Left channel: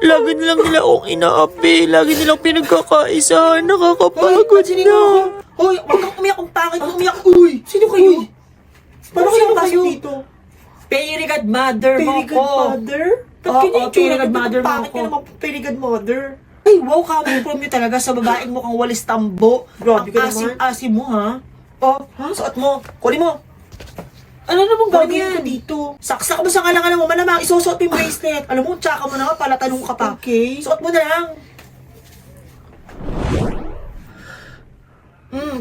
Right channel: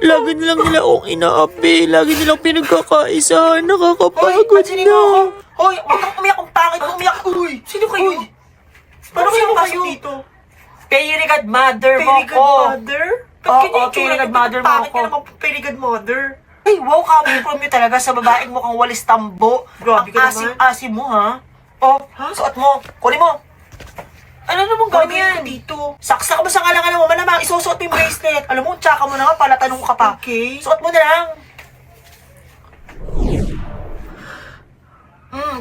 Lagi nilang nila akong inaapi. Lagi nilang pinagkakaisahan. Nakakapagod na. Hoy, huwag kang umiyak kung pangit mo umiyak. Uy, sino kayo? Paano kayo pasok dito? Fairy godmother mo Fairy ko. godmother? Ba't Oo, ganyan yung fairy tsura? godmother mo Bakit ko. ka naman fairy godmother? Ay, wow, kami from you talaga sa babaeng mukhang walis tambo. Grabe ka Ang naman. asim-asim mo, ha? Oh, suot mo. Kunin mo. Ano namang Kunin mo gagawin yan. ko dito? Saksak mo sa kalangan mo, malamang isusuot mo yung bracelet. Alam mo, tsaka mo na nga, palatanong ka pa. Okay. Suot mo na lang.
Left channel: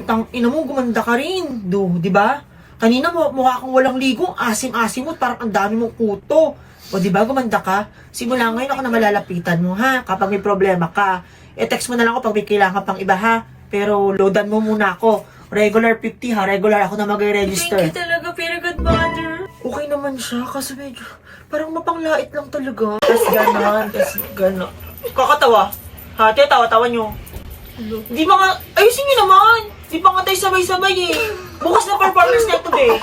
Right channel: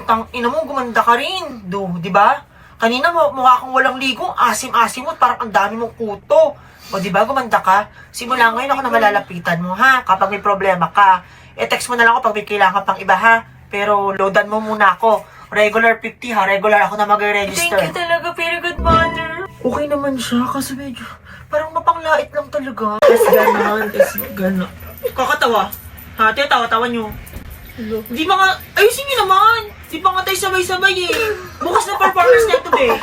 Tang ina mo, gumanda ka rin. Di ba? Kanina mukha kang walang ligo, asim-asim mo, parang ang dami mong kuto. O di ba, gumanda ka? Simula ngayon ako na malalapitan mo, ha? Kapag may problema ka. E-text mo na lang ako pag may kailangan pang iba, ha? Pero loadan mo muna ako. Regular 50, ha? Regular ako na mag-register. Thank you talaga, fairy godmother. Okay naman siya kasi medyo parang mapanglait lang talaga. Tapos gano'n, tapos gano'n. Kakatawa. Ha, tawa-tawa nyo. Hindi ba nga, ayusin nyo naman. Hindi pa nga tayo sabay-sabay eh. Bukas na performance na ito eh.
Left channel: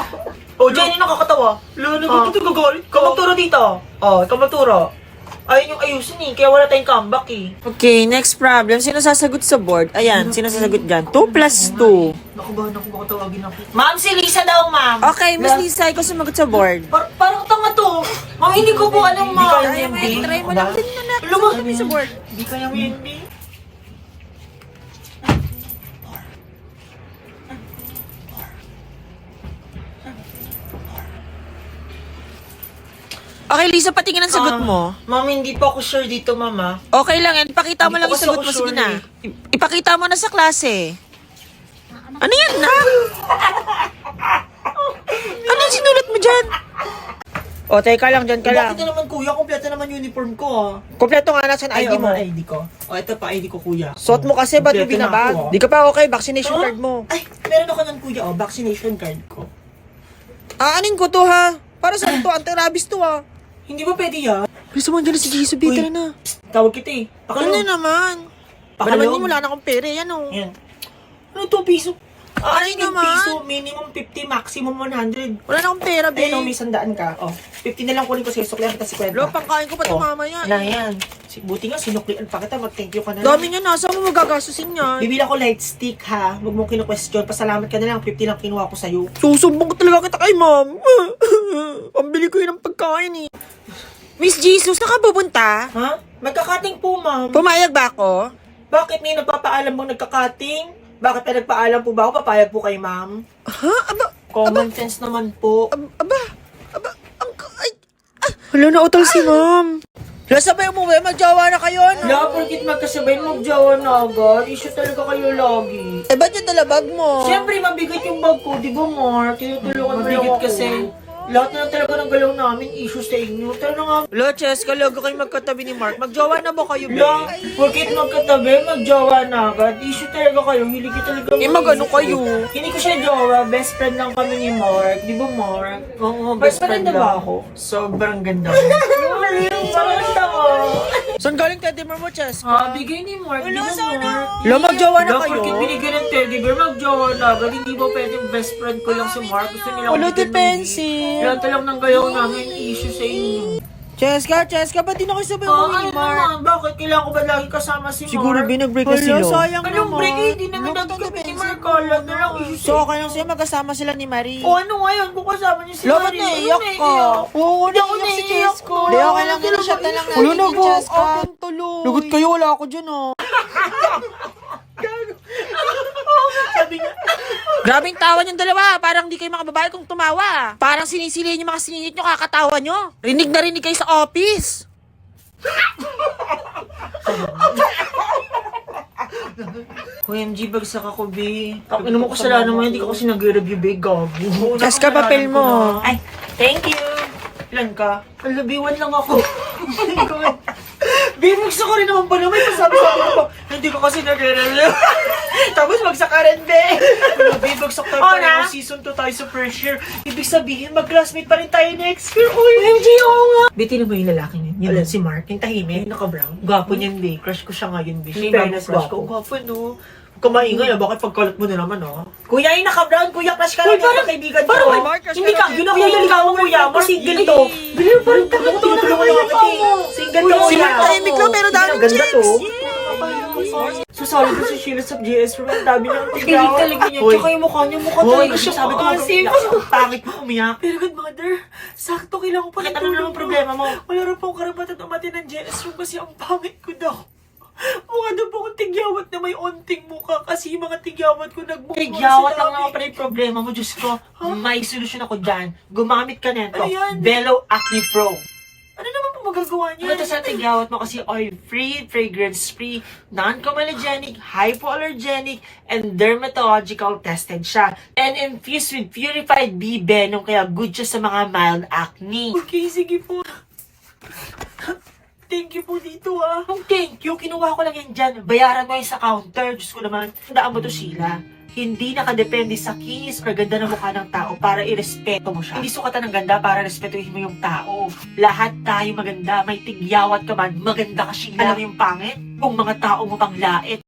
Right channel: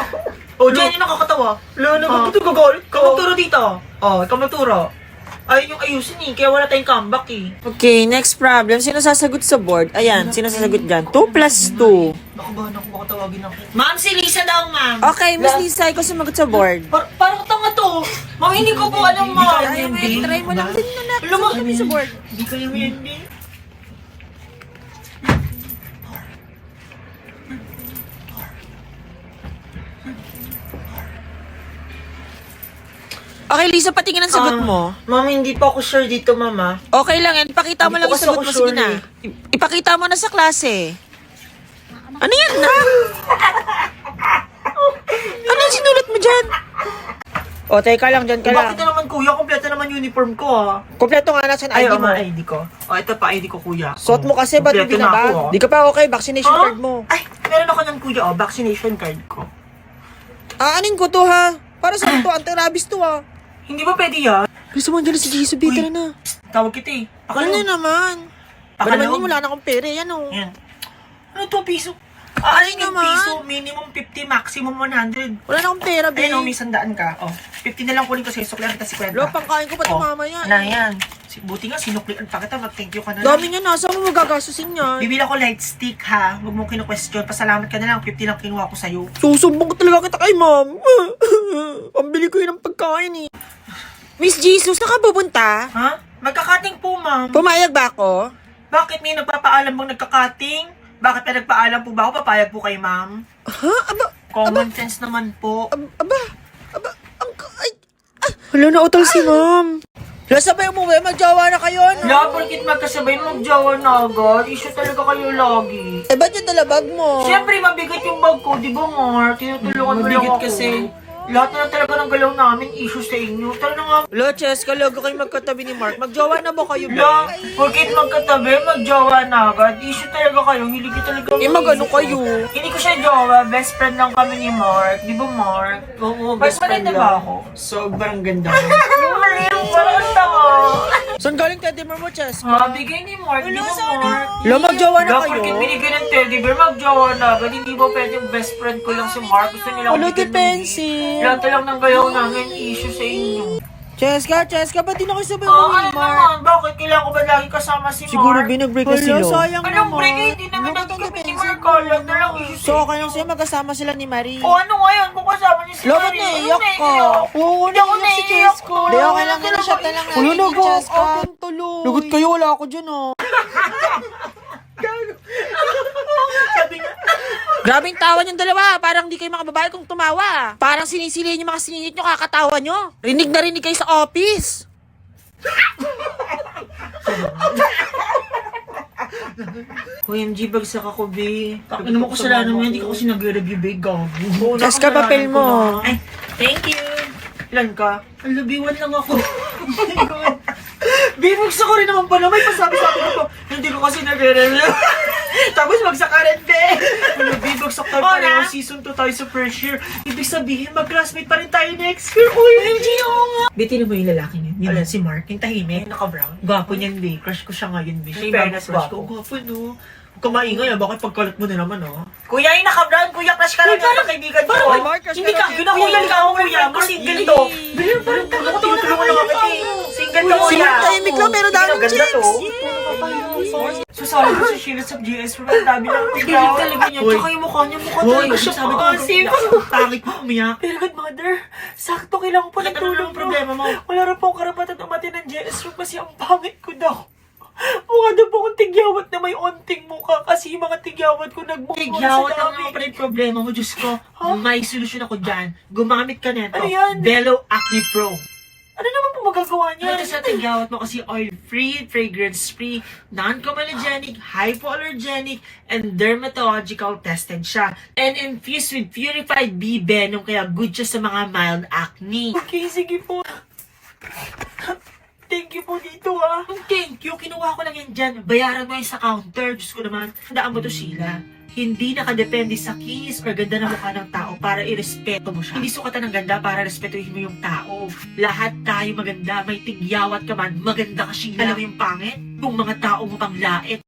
O, dyan yung nakakatawa. Lalo, bakit ito gagawin? Ikaw magturo dito. O, ikaw magturo. Ayun yung ayusin eh, kaya wala tayong comeback eh. Okay, next problem. Sino sasagot sa board? Ayan, sino sasagot dyan? 2 plus 2. Nakabahan ako, baka tawagin ako. Ma'am, si Lisa daw, ma'am. Okay, Miss Lisa, ikaw sumagot sa board. Parang tanga to. Ma'am, hindi ko po alam, ma'am. Kaya mo yan, try mo lang din na na. Alam mo, Sagot kami sa board. Hindi kaya mo yun, Okay, Lisa, patingin ang sagot mo. Ma'am, hindi pa ako sure dito, mama. Okay lang yan. Ipakita mo Hindi lang ko yung sagot kasi mo. ako Sige sure na. Ipakita mo na sa klase. Ano yan na? Ano yung sinulat mo dyan? O, teka lang, dyan ka lang. Bakit naman, kuya? Kompleto naman uniform ko, ha? Kompleto nga nasan ID mo. ID ko. O, ito pa ID ko, kuya. Suot mo kasi, ba't mo Kompleto na ako, binabag? oh. Di ka pa okay, vaccination Ah? card mo. Ay, meron ako ng kuya, vaccination card ko. Aanin ko to ha. Para sa to, anti-rabies to ha. Hindi ba pwede yan? Gusto mo dyan na si Jisoo, Uy. tara na. Tawag kita eh. Ano na naman? Ba naman Pakalong. yun, wala na akong pera, yan o. Yan. Ano to, piso? Aray naman. Piso, minimum 50, maximum 100. Wala na akong pera, be. Pero may 100 ka. O, 50 na lang kunin ko sa'yo. Suklihan kita si Kwenta. Lo, pangkain ko pa ito mamaya. Yan, yan. Buti nga, sinuklian pa kita. Mag-thank you ka na. Dami nga, nasa mo magagasusin yan. Bibili ako light stick, ha? Huwag mong kinu-question. Pasalamat ka na lang. 50 lang kinuha ko sa'yo. Susumbong ko talaga kita kay ma'am. Pambili ko yun ng pagkain eh. Miss Jesus, nakabubunta? Ha? Magkakating po, ma'am. Pumayag ba ako? Bakit may nagpapaalam bang nagkakating? Bakit may nagpaalam po ba ako? Papayag po kay ma'am. Ha? Common sense naman po. Aba, ay, wala na utol si ma'am. Wala sabay umuwi, magjawa na kayo, no? Wala, porkit magkasabay mag-jawa na agad. Issue talaga kayo lagi. Eh, ba't yung dalabag mo? Siyempre, mabigat yung bag ko, di ba, Mark? Tinutulungan mo lang ako. kasi. Lahat na talaga ng galaw namin, issue sa inyo. Talaga nga, Lo, Cheska, logo kayo magkatabi ni Mark. Magjawa na ba kayo, be? Bla, porkit magkatabi, mag-jawa na agad. Issue talaga kayo, hindi ko talaga. Eh, mag-ano kayo? Hindi ko siya jawa, best friend lang kami ni Mark. Di ba, Mark? Oo, best friend maganda lang ba ako. Sobrang ganda mo. Sobrang ganda mo. Saan galing teddy bear mo, Cheska? Bigay ni Mark. Ulo, di ba, sana. Mark? Lo, magjawa na Dapat kayo? porkit binigay ng teddy bear, mag-jawa na agad. Hindi ba pwedeng best friend ko lang si Mark? Gusto nila Ulo, bigyan ng- depensi. Lahat lang ng galaw namin, issue sa inyo. Cheska, ba't di na kayo sabay umuwi ni Mark? Naman? Bakit kailangan ko ba lagi kasama si Siguro, Mark? binag-break kasi, Hala, Lo. sayang Anong naman. break? Hindi naman Lo, ba't ang nagkabit ni depensi Mark? mo? Kala na lang issue So, okay lang sa'yo, magkasama sila ni Marie. O ano ngayon kung kasama niyo si Lo, ba't Marie? naiyak Ano ka? naiiyak? Oo, Hindi ako naiiyak si naiiyak. Chesko. Di, okay lang yun. Shot na lang natin Ulo, yung Cheska. akin tuloy. Lugot kayo, wala ako dyan, oh. Sabi nga, Grabing tawa niyong dalawa. Parang di kayo makababae kung tumawa. Parang sinisilihin yung mga siningit nyo, kakatawa nyo. Rinig na rinig kayo sa office. OMG, bagsak ako, B. Ano mo kasalanan mo, hindi ko kasi nag-review, B. Gago. Cheska, papel mo. Ay, thank you. Ilan ka? Alabiwan lang ako. Binugsa ko rin naman pala. May pasabi-sabi ko pa. Hindi ko kasi nag-review. Tapos bagsak ka rin, be. Bibagsak tayo pa rin. Season 2 tayo sa first year. Ibig sabihin, mag-classmate pa rin tayo next year. Uy, hindi ako nga. Bitin mo yung lalaki niya. Yun si Mark. Yung tahimik. Naka-brown. Gwapo niyan, be. Crush ko siya ngayon, be. In fairness, Crush ko. gwapo. Gwapo, no? Kumaingay na, bakit pagkalat mo na naman, ha? Kuya, yung naka-brown, kuya, crush ka lang yung kaibigan ko. Ay, Mark, crush Hindi ka ka, lang yun yun. ako yung ligawan, kuya. Mark, single to. Bili, parang tagal to na single to, Si Mark tahimik lang, pero daming chicks. Susali ko si Sheila sa GS, pero ang dami niyang tignan. Talaga niya, tsaka yung mukha niya, mukha talaga siya. Sabi ko, ang pangit mo umiyak. Very good, mother. Sakto, kailangan po ng Ano tulong. naman problema mo? Wala rin po karapatan umati ng JS kasi ang pangit ko daw. Mukha daw po akong tigyawat na may onting mukha kasi yung mga tigyawat ko nagmukha. Tigyawat lang ako pala yung problema mo, Diyos ko. May solusyon ako dyan. Gumamit ka nito. Ano yan? Bello Acne Pro. Ano naman po magagawa niya? Ito sa tigyawat mo kasi oil-free, fragrance-free, non-comedogenic, hypoallergenic, and dermatological tested siya. And infused with purified bee venom kaya good siya sa mga mild acne. Okay, sige po. Thank you po dito, ha. Ang thank you, kinuha ko lang yan dyan. Bayaran mo yan sa counter. Diyos ko naman. Tandaan mo to, Sheila. Hindi nakadepende sa kinis or ganda ng mukha ng tao para irespeto mo siya. Hindi sukatan ng ganda para respetuhin mo yung tao. Lahat tayo maganda. May tigyawat ka man, maganda ka, Sheila. Alam mo yung pangit? Kung mga tao mo pang lait.